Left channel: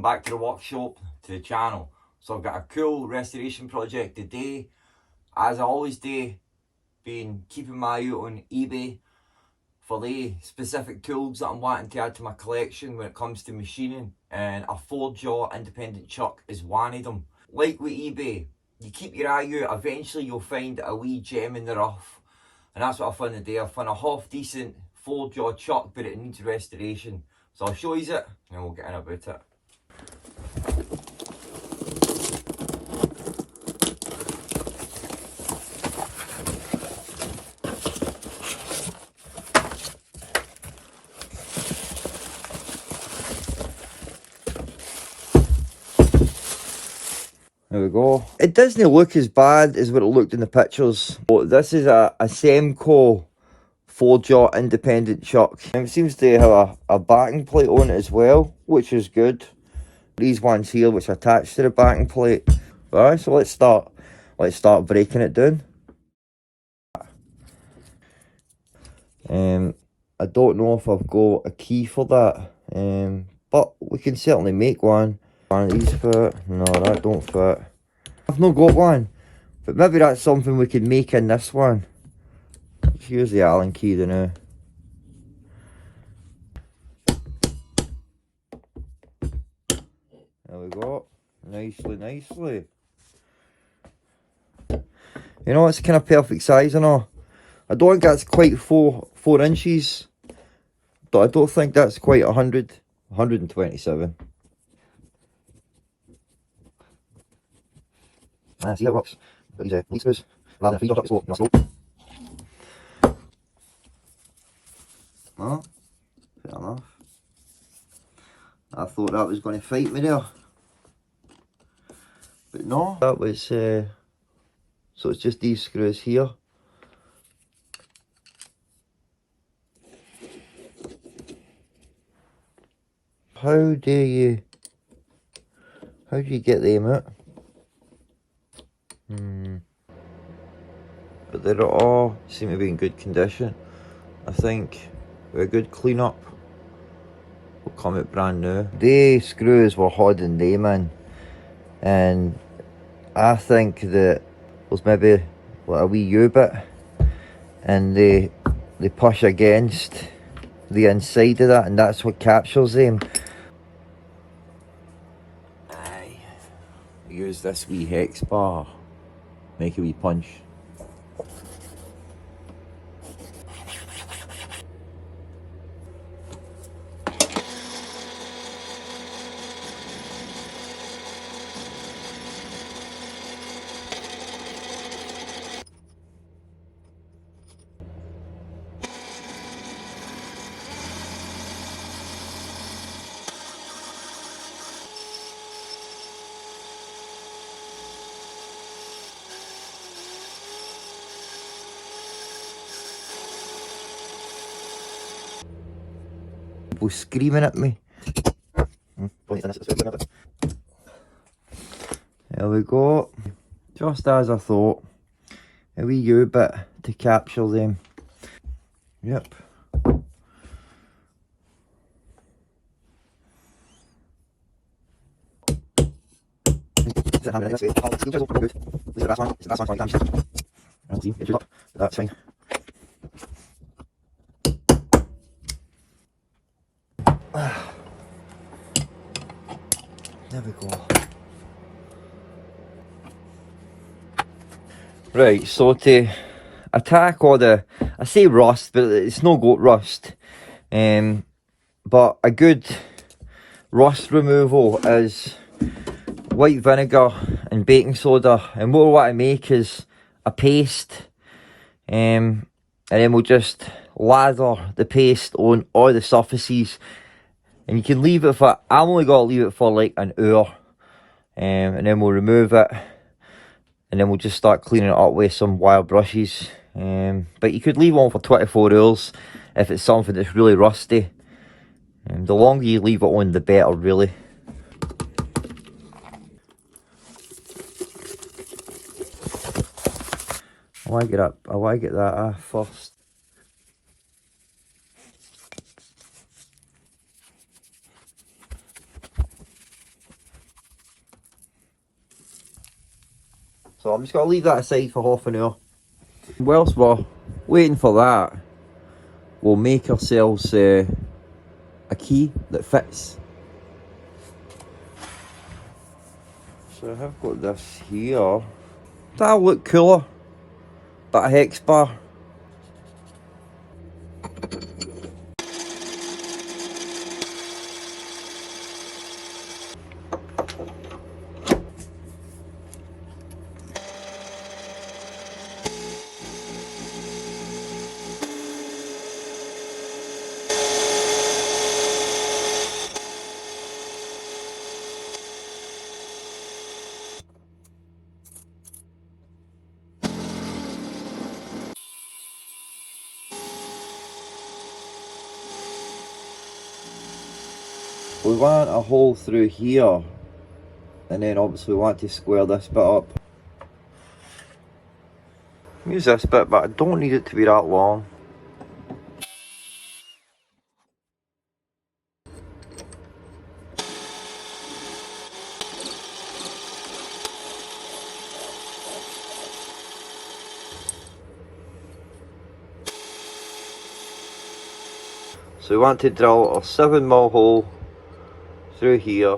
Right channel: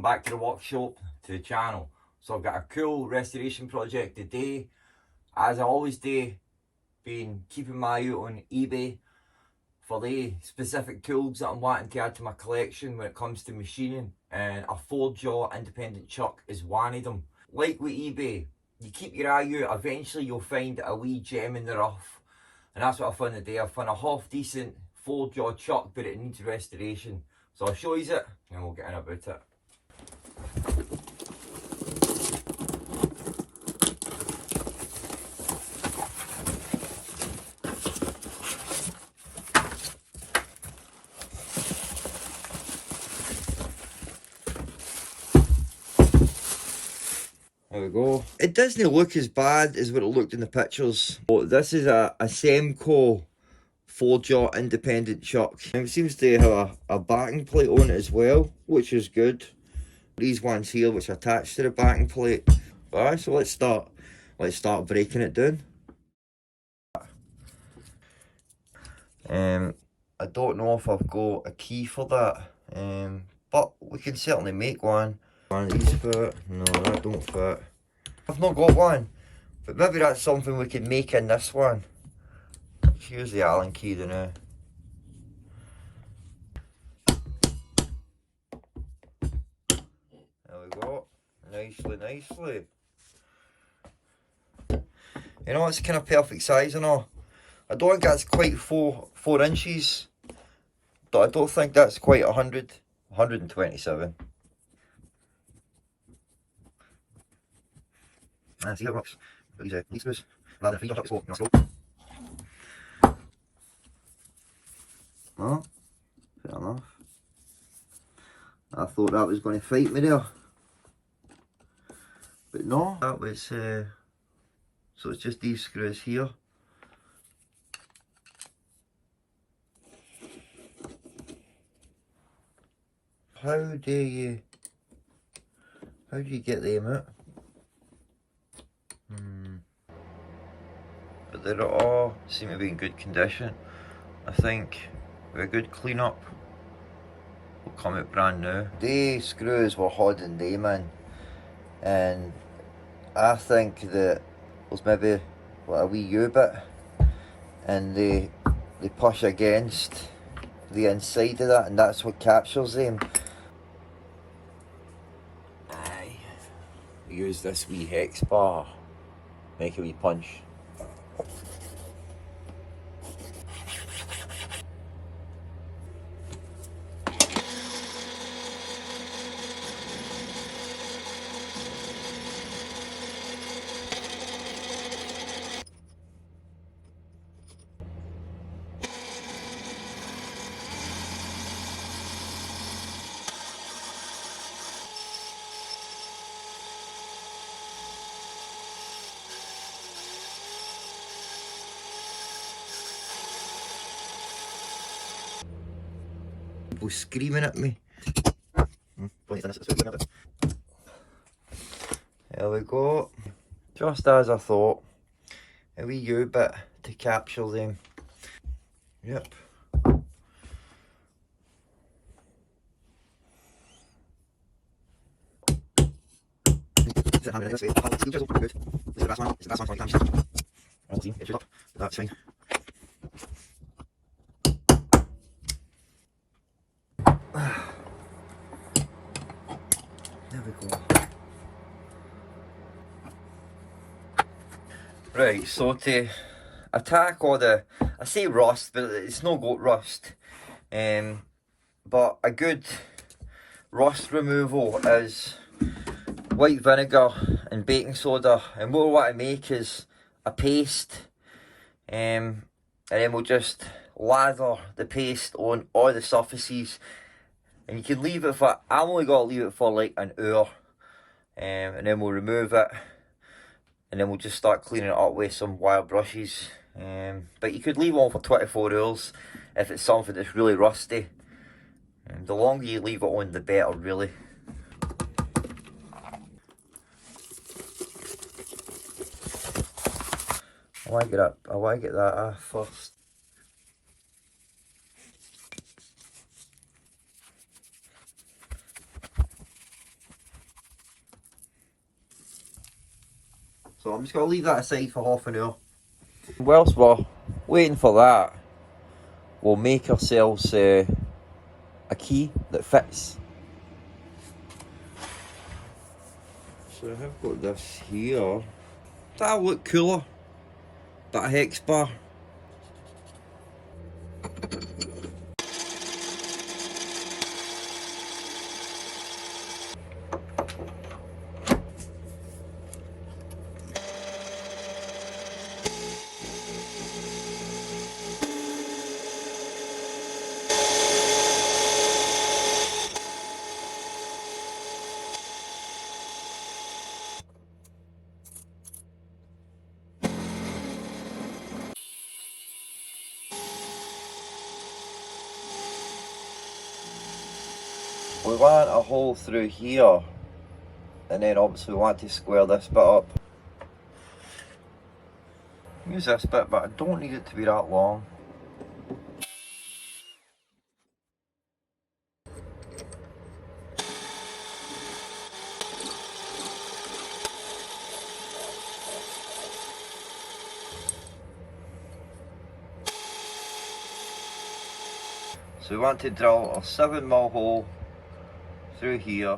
welcome back to the workshop, to the channel. So I've got a cool restoration project today. As I always do, been keeping my eye out on eBay for the specific tools that I'm wanting to add to my collection when it comes to machining, and a 4-jaw independent chuck is one of them. Like with eBay, you keep your eye out, eventually you'll find a wee gem in the rough, and that's what I found today. I found a half decent 4-jaw chuck, but it needs restoration. So I'll show you it and we'll get in about it. There we go. It doesn't look as bad as what it looked in the pictures. But this is a Semco 4-jaw independent chuck. And it seems to have a backing plate on it as well, which is good. These ones here which attach to the backing plate. Alright, so let's start breaking it down. I don't know if I've got a key for that, but we can certainly make one. One of these fit? No, that don't fit. I've not got one, but maybe that's something we can make in this one. Here's the Allen key now. There we go. Nicely. You know, it's kind of perfect size and all. I don't think that's quite 4 inches, but I don't think that's quite 127. See how it works. Got these lead screws, rather than 3 chucks, so you know. No, fair enough. I thought that was going to fight me there, but no, that was so it's just these screws here. How do you get them out? But they all seem to be in good condition. I think with a good clean up will come out brand new. The screws were holding them in, and I think that there's maybe like a wee U-bit, and they push against the inside of that, and that's what captures them. Aye. Use this wee hex bar, make a wee punch. People screaming at me. There we go. Just as I thought. A wee U-bit to capture them. Yep. That's fine. There we go. Right, so to attack all the, I say rust, but it's no goat rust, but a good rust removal is white vinegar and baking soda, and what I make is a paste, and then we'll just lather the paste on all the surfaces, and you can leave it for, I'm only got to leave it for like an hour, and then we'll remove it, and then we'll just start cleaning it up with some wire brushes. But you could leave on for 24 hours if it's something that's really rusty. The longer you leave it on, the better, really. I want to get that first. So I'm just going to leave that aside for half an hour. Whilst we're waiting for that, we'll make ourselves a key that fits. So I have got this here. That'll look cooler. Bit of hex bar. We want a hole through here, and then obviously we want to square this bit up. Use this bit, but I don't need it to be that long. So we want to drill a 7mm hole through here.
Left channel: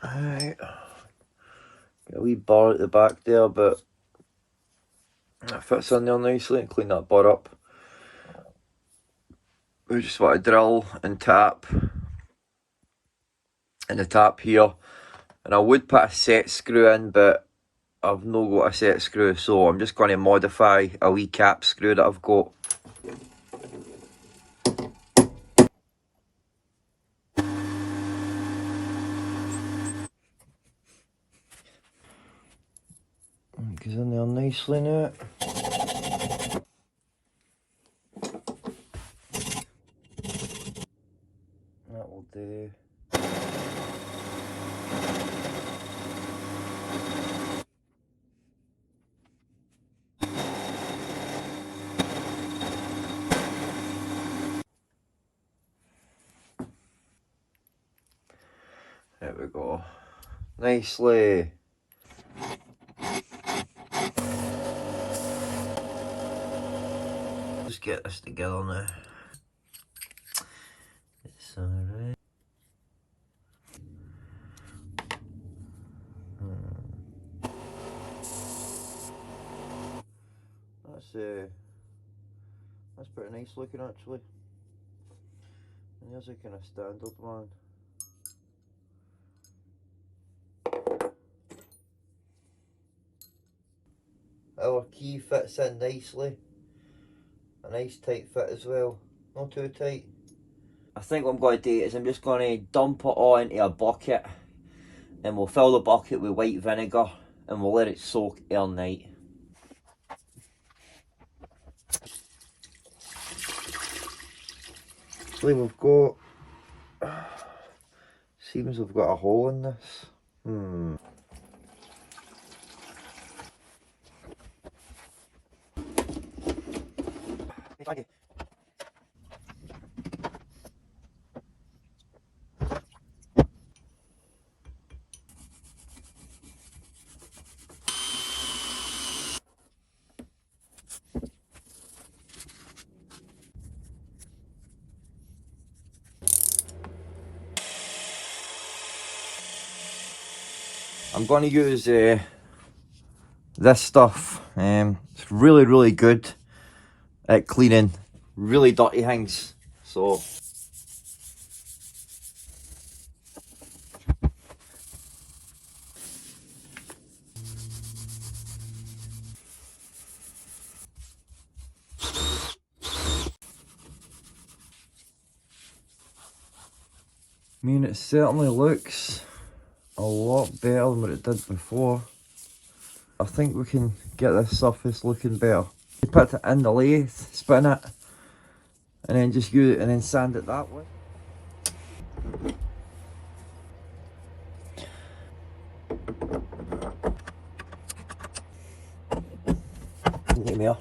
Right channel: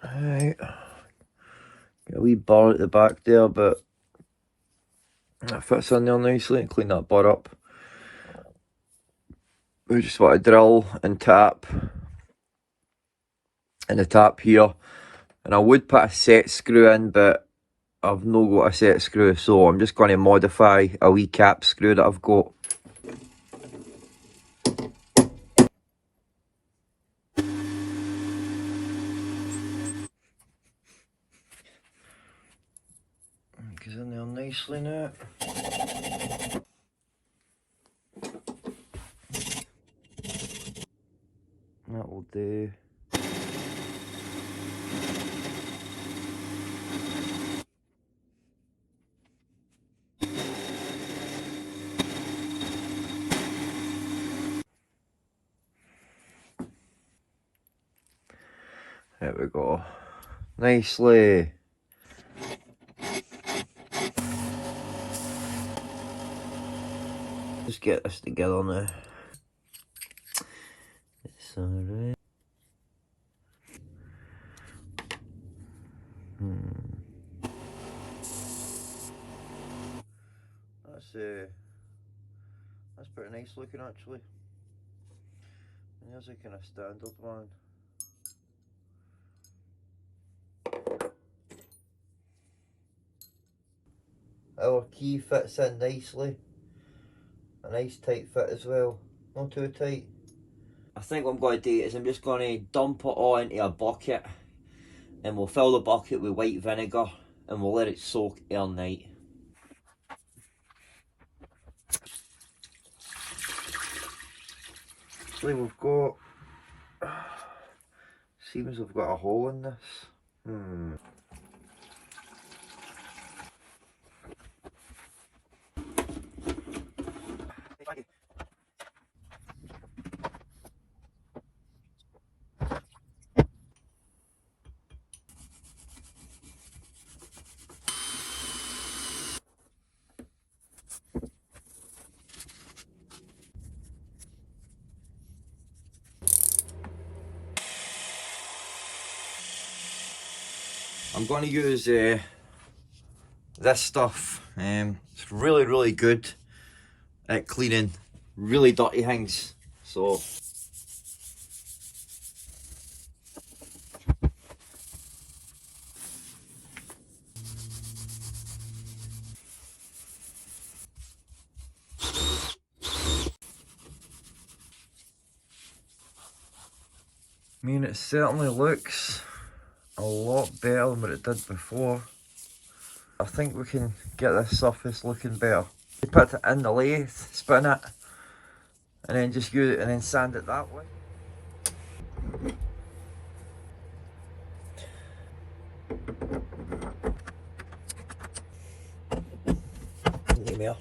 Right. Got a wee bar at the back there, but that fits in there nicely. Clean that bar up. We just want to drill and tap in the tap here. And I would put a set screw in, but I've not got a set screw, so I'm just going to modify a wee cap screw that I've got. Goes in there nicely now. That will do. There we go. Nicely. Just get this together now. It's alright. That's pretty nice looking actually. And there's a kind of standard one. Our key fits in nicely. A nice tight fit as well. Not too tight. I think what I'm going to do is I'm just going to dump it all into a bucket, and we'll fill the bucket with white vinegar and we'll let it soak overnight. Actually, we've got, seems we've got a hole in this. I'm going to use this stuff. It's really good at cleaning really dirty things. So I mean, it certainly looks a lot better than what it did before. I think we can get this surface looking better. Put it in the lathe, spin it, and then just use it and then sand it that way. there.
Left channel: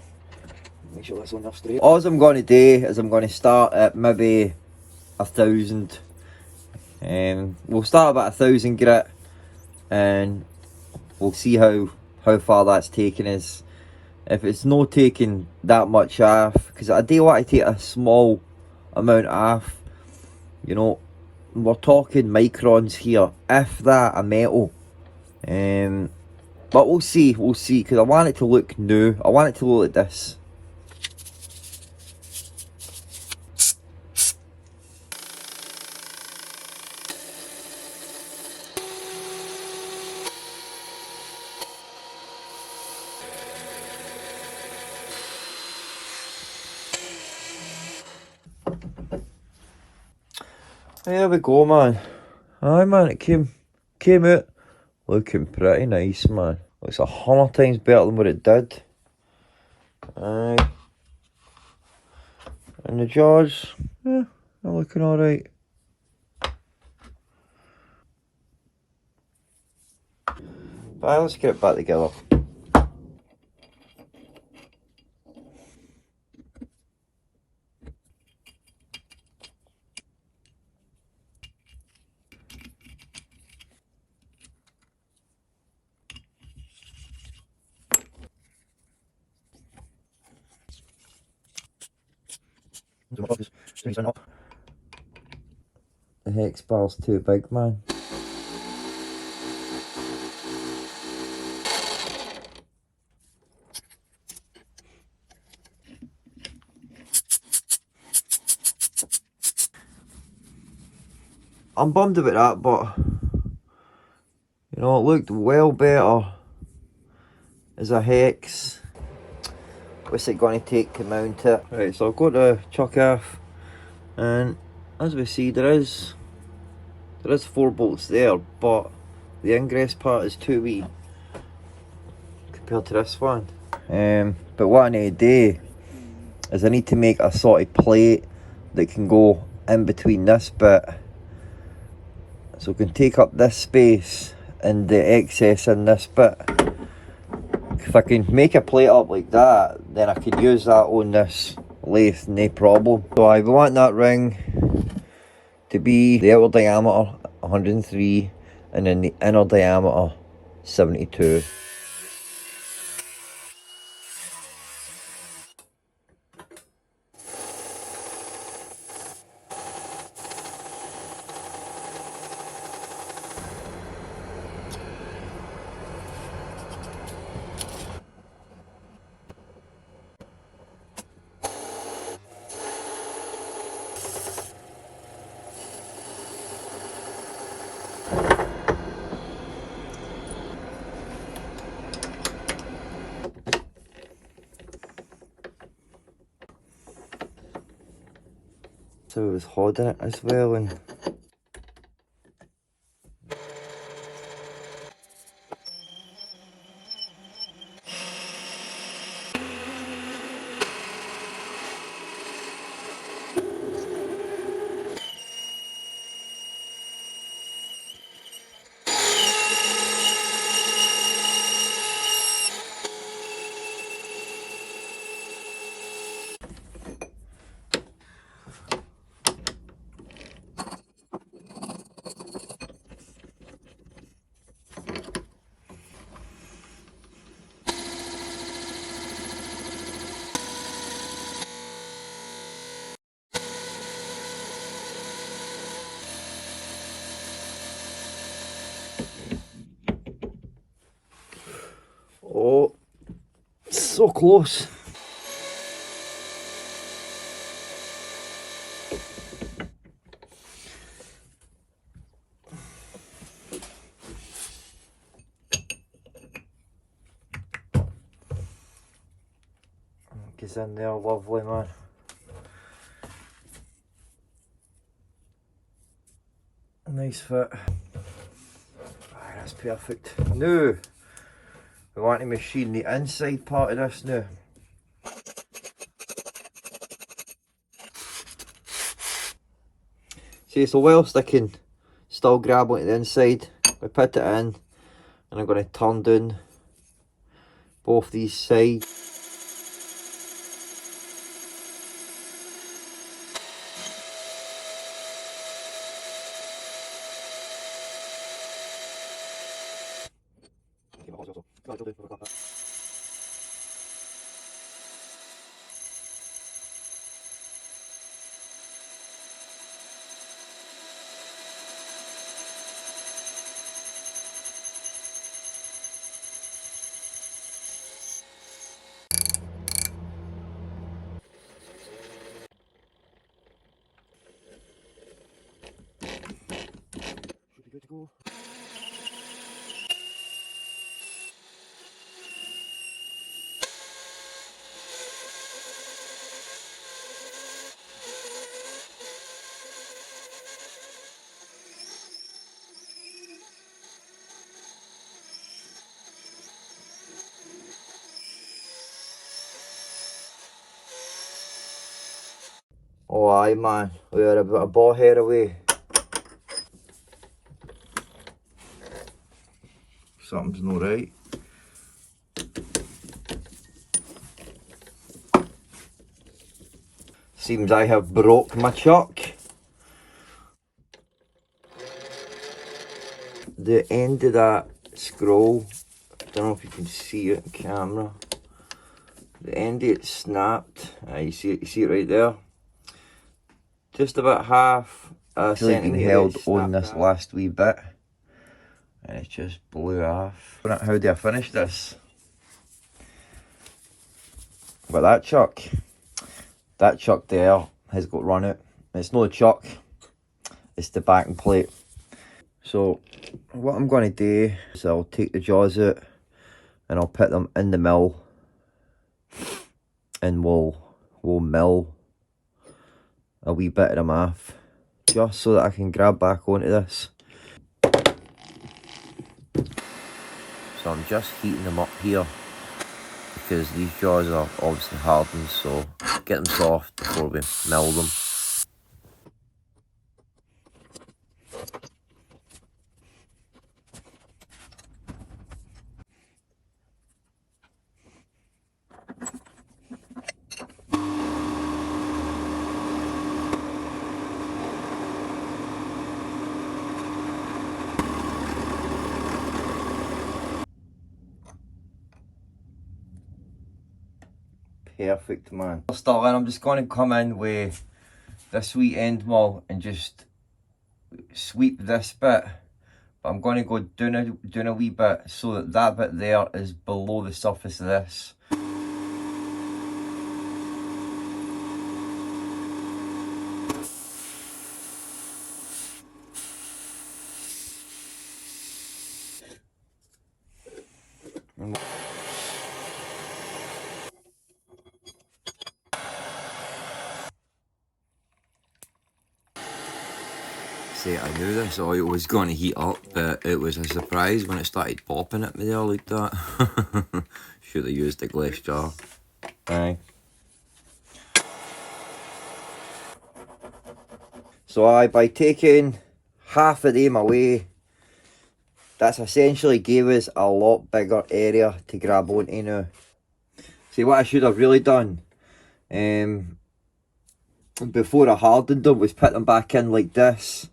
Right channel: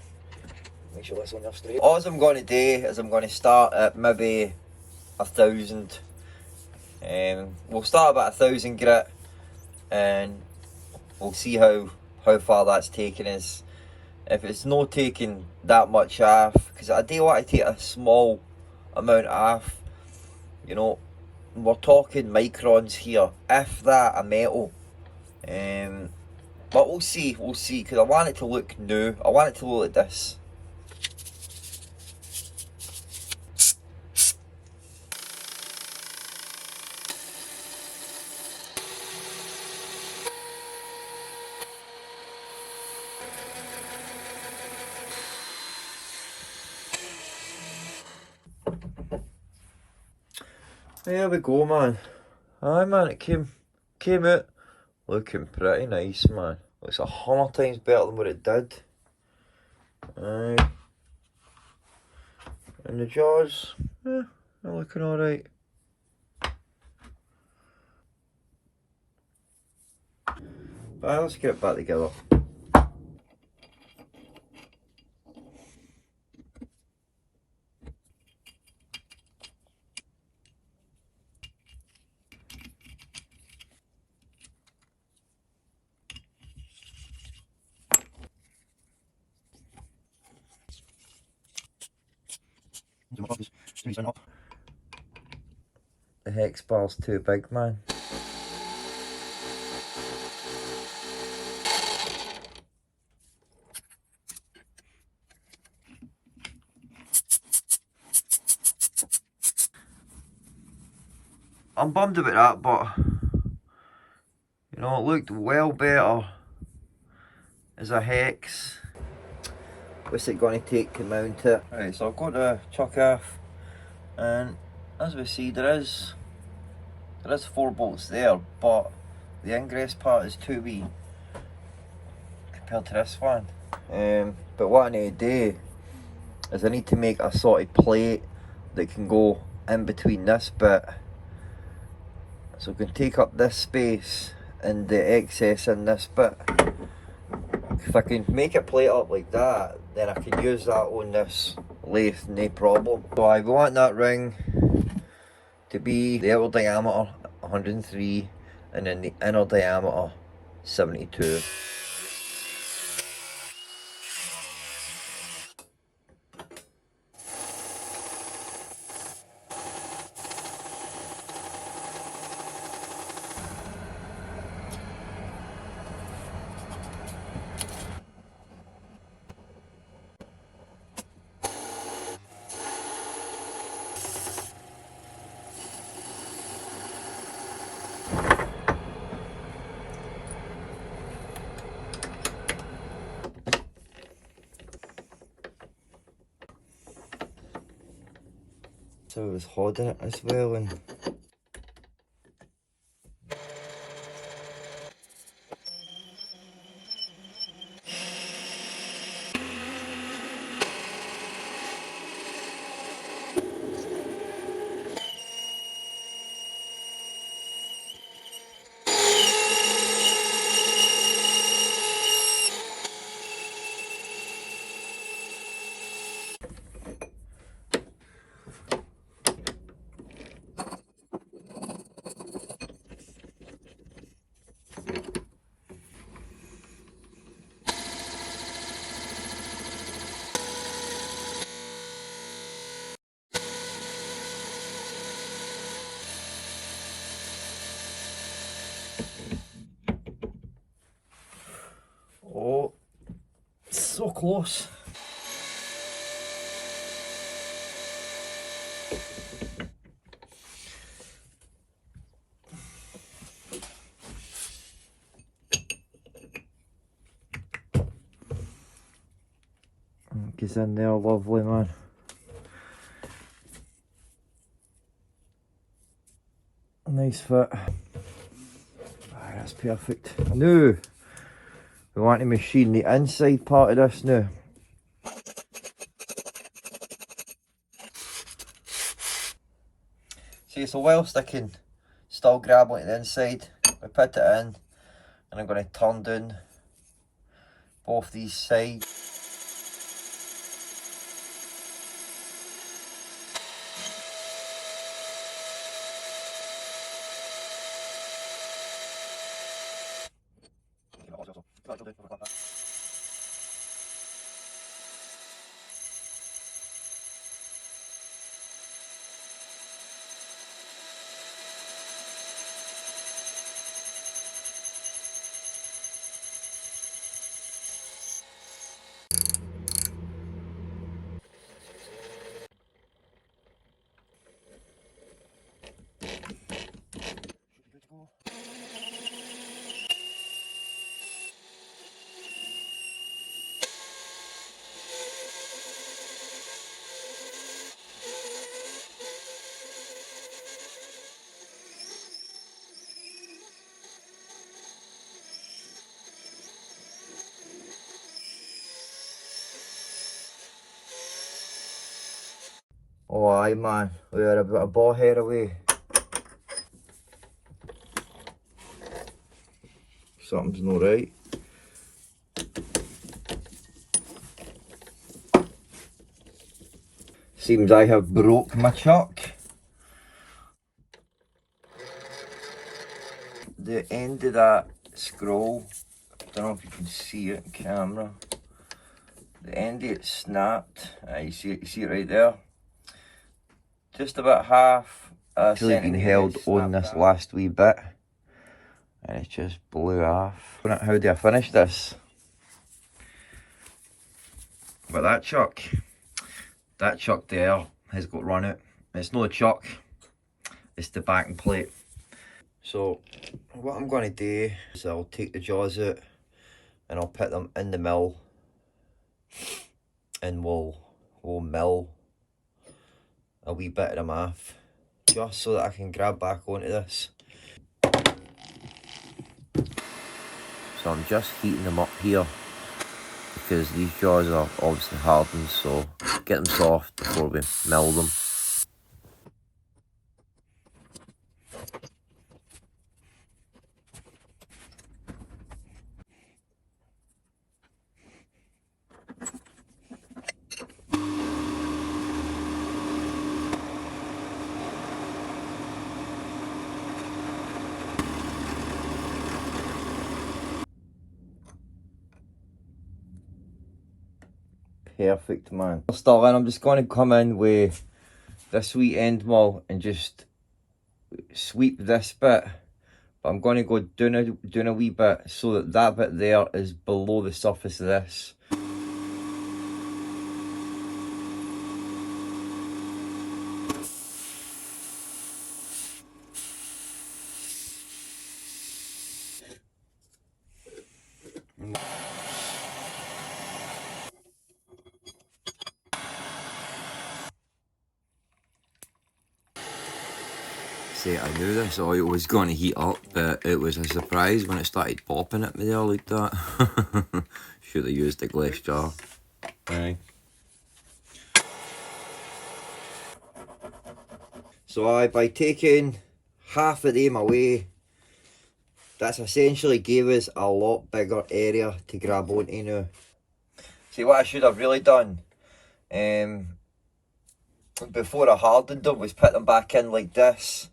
Make sure that's on there straight. All I'm going to do is I'm going to start at maybe 1,000. We'll start about 1,000 grit, and we'll see how far that's taking us. If it's not taking that much off, because I do want to take a small amount off, you know, we're talking microns here, if that, a metal. But we'll see, because I want it to look new. I want it to look like this. There we go, man. Aye, man, it came out looking pretty nice, man. Looks 100 times better than what it did. Aye. And the jaws, yeah, they're looking alright. But let's get it back together. The hex bar's too big, man. I'm bummed about that, but you know, it looked well better as a hex. What's it going to take to mount it? Right, so I've got to chuck off, and as we see, there is 4 bolts there, but the ingress part is too wee compared to this one. But what I need to do is I need to make a sort of plate that can go in between this bit, so we can take up this space and the excess in this bit. If I can make a plate up like that, then I can use that on this lathe, no problem. So I want that ring to be the outer diameter 103 and then the inner diameter 72. So it was holding it as well, and oh, so close. Gets in there lovely, man. Nice fit. That's perfect. Now, we want to machine the inside part of this now. See, so whilst I can still grab onto the inside, we put it in, and I'm going to turn down both these sides. Good to go. Oh aye man, we are about a ball head away. Something's not right. Seems I have broke my chuck. The end of that scroll, don't know if you can see it in camera. The end of it snapped. You see it right there. Just about half a centimetre. Been held on this last wee bit, and it just blew off. How do I finish this? But that chuck there has got run out. It's not a chuck, it's the backing plate. So what I'm going to do is I'll take the jaws out and I'll put them in the mill, and we'll mill a wee bit of them off, just so that I can grab back onto this. So I'm just heating them up here because these jaws are obviously hardened, so get them soft before we mill them. Perfect, man. Starling, I'm just going to come in with this wee end mill and just sweep this bit. But I'm going to go down a wee bit so that that bit there is below the surface of this. See, I knew this oil was going to heat up, but it was a surprise when it started popping at me there like that. Should have used a glass jar. Aye. So by taking half of them away, that's essentially gave us a lot bigger area to grab onto now. See, what I should have really done, before I hardened them, was put them back in like this,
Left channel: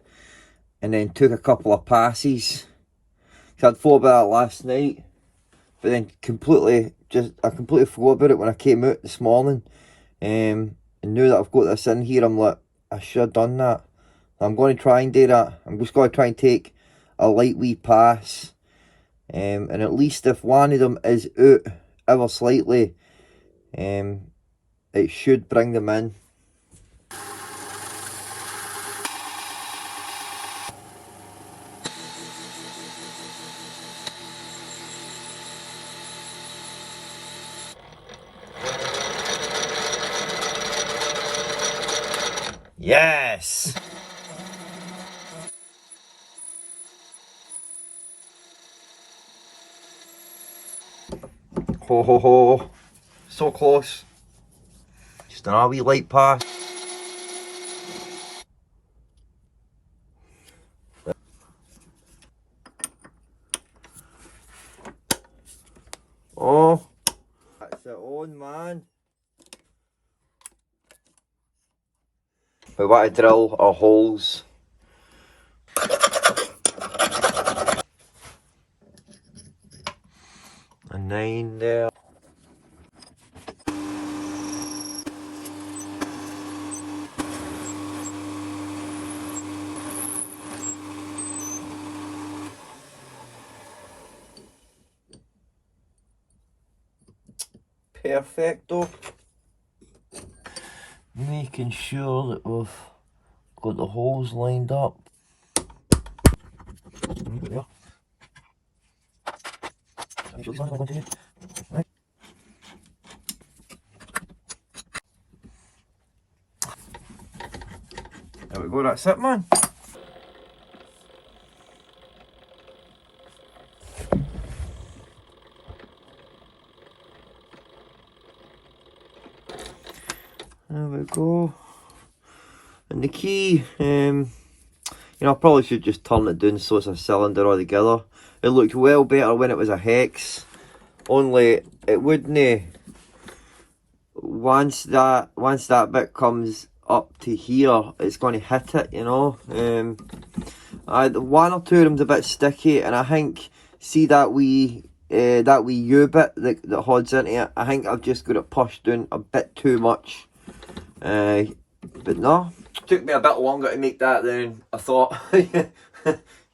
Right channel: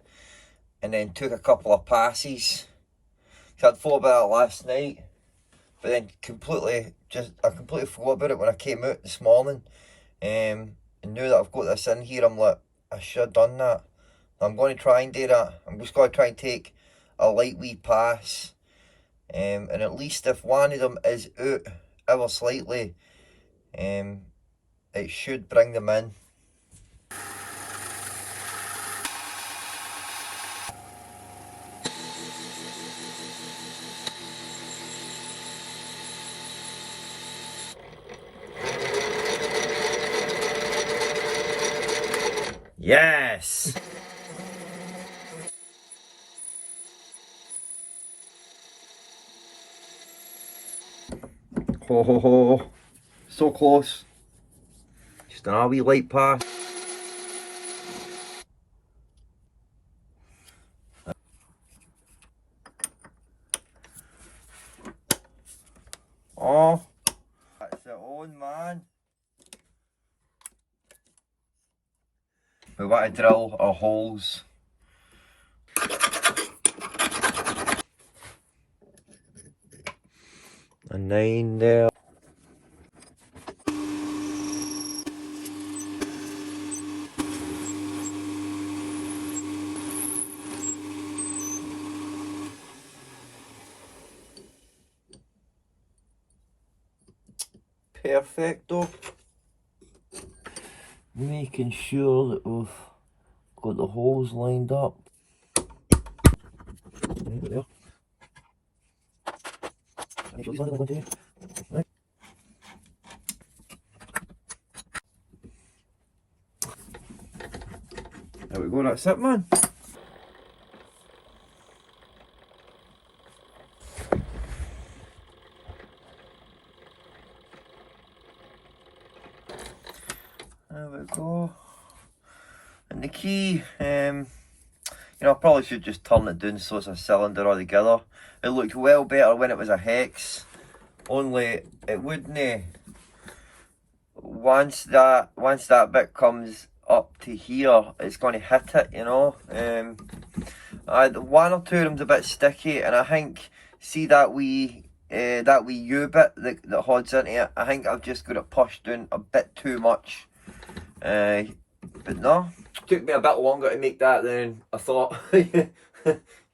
and then took a couple of passes. So I'd thought about it last night, but then I completely forgot about it when I came out this morning. And now that I've got this in here, I'm like, I should have done that. I'm going to try and do that. I'm just going to try and take a light wee pass, and at least if one of them is out ever slightly, it should bring them in. Yes! Ho ho ho! So close. Just another wee light pass. Oh, that's it on, man. We want to drill our holes. a 9 there. Perfecto. Making sure that we've got the holes lined up. There. There we go, that's it, man. There we go. And the key, you know, I probably should just turn it down so it's a cylinder altogether. It looked well better when it was a hex, only it wouldn't. Once that bit comes up to here, it's going to hit it, you know. One or two of them's a bit sticky, and I think, see that wee U bit that holds into it, I think I've just got it pushed down a bit too much. But no, took me a bit longer to make that than I thought. You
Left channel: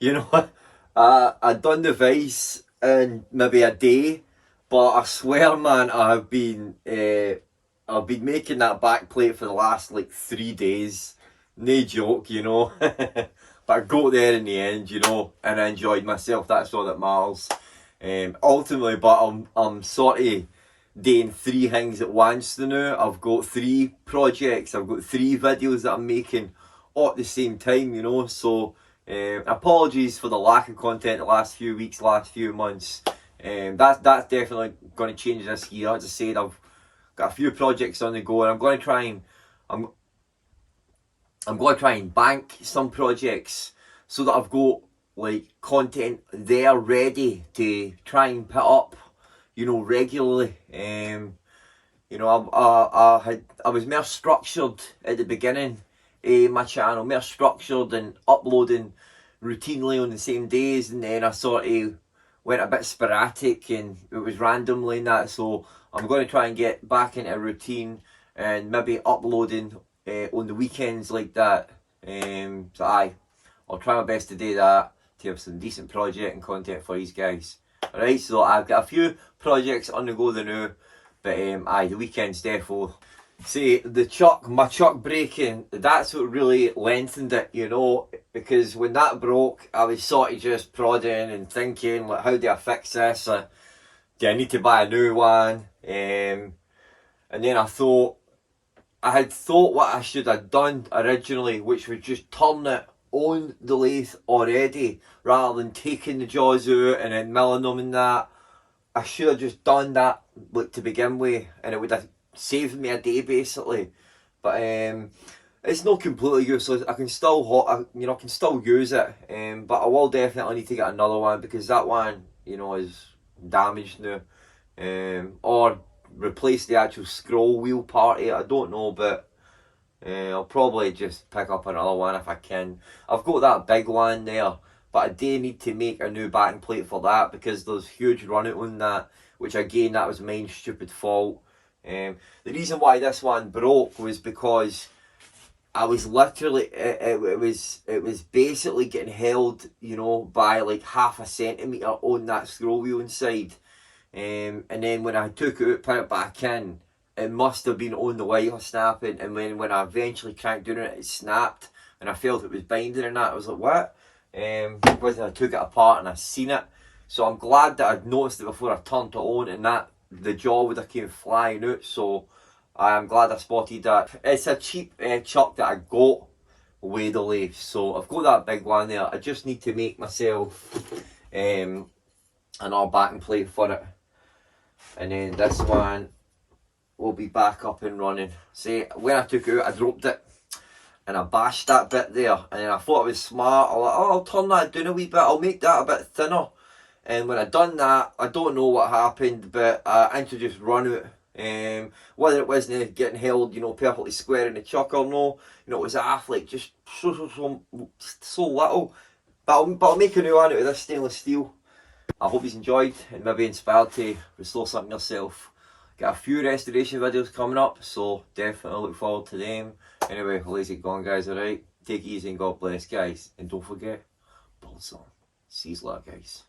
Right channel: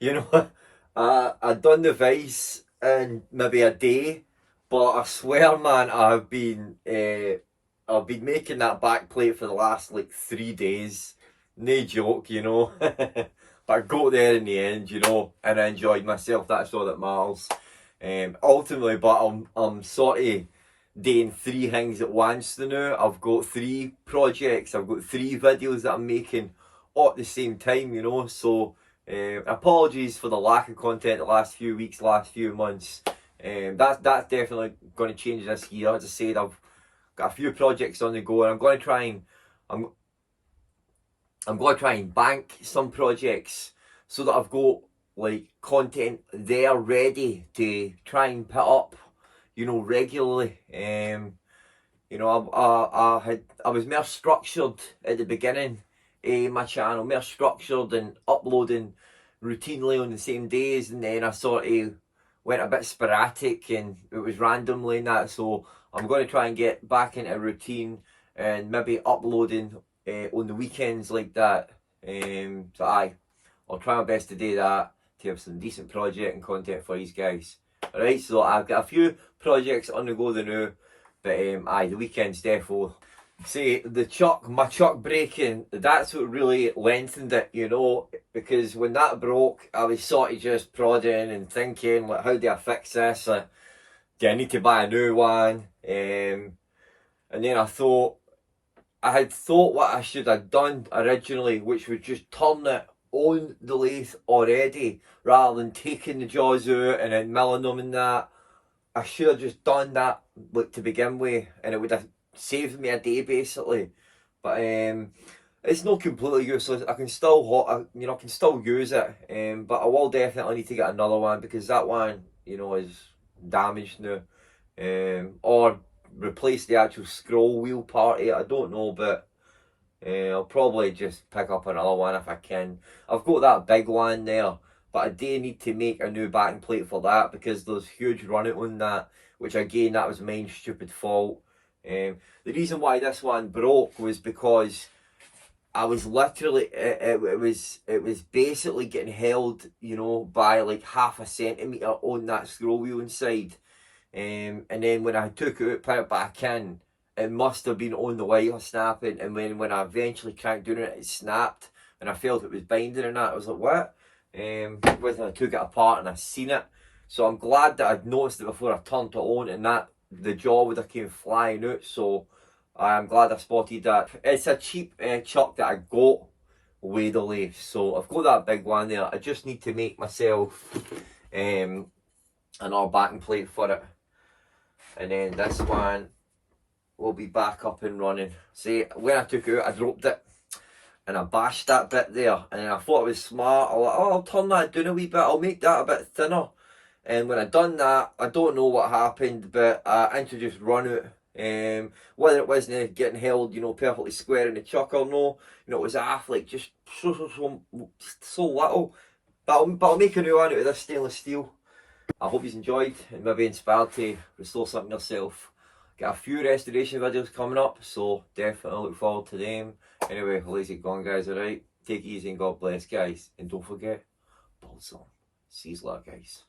know, I'd done the vise in maybe a day, but I swear, man, I've been making that back plate for the last like 3 days. No joke, you know. But I got there in the end, you know, and I enjoyed myself. That's all that matters. Ultimately, but I'm sort of doing 3 things at once now. I've got 3 projects. I've got 3 videos that I'm making all at the same time, you know. So apologies for the lack of content the last few weeks, last few months. That's definitely going to change this year. As I said, I've got a few projects on the go, and I'm going to try and bank some projects so that I've got like content there ready to try and put up, you know, regularly. You know, I was more structured at the beginning of my channel, more structured and uploading routinely on the same days, and then I sort of went a bit sporadic and it was randomly and that. So I'm going to try and get back into a routine and maybe uploading on the weekends like that. So I'll try my best to do that, to have some decent project and content for these guys. Alright, so I've got a few projects on the go now, but the weekends defo. See, my chuck breaking, that's what really lengthened it, you know, because when that broke, I was sort of just prodding and thinking, like, how do I fix this? Do I need to buy a new one? And then I had thought what I should have done originally, which was just turn it on the lathe already, rather than taking the jaws out and then milling them and that. I should have just done that like to begin with, and it would have saved me a day basically. But it's not completely useless. I can still I can still use it. But I will definitely need to get another one, because that one, you know, is damaged now. Or replace the actual scroll wheel part of it. I don't know, but I'll probably just pick up another one if I can. I've got that big one there, but I do need to make a new backing plate for that, because there's huge run out on that, which again, that was my stupid fault. The reason why this one broke was because I was literally, it was basically getting held, you know, by like 0.5 centimetre on that scroll wheel inside. And then when I took it out, put it back in, it must have been on the wire snapping, and when I eventually cranked down it, it snapped, and I felt it was binding and that. I was like, what? When I took it apart and I seen it. So I'm glad that I'd noticed it before I turned it on, and that the jaw would have came flying out. So I'm glad I spotted that. It's a cheap chuck that I got with the lathe. So I've got that big one there. I just need to make myself another backing plate for it. And then this one will be back up and running. See, when I took it out, I dropped it and I bashed that bit there, and I thought it was smart. I was like, oh, I'll turn that down a wee bit, I'll make that a bit thinner. And when I done that, I don't know what happened, but I introduced run out. Whether it wasn't getting held, you know, perfectly square in the chuck or no, you know, it was off like just so little. But I'll make a new one out of this stainless steel. I hope you enjoyed and maybe inspired to restore something yourself. Got a few restoration videos coming up, so definitely look forward to them. Anyway, lazy gone guys, alright? Take it easy and God bless guys. And don't forget, build some. See you later guys.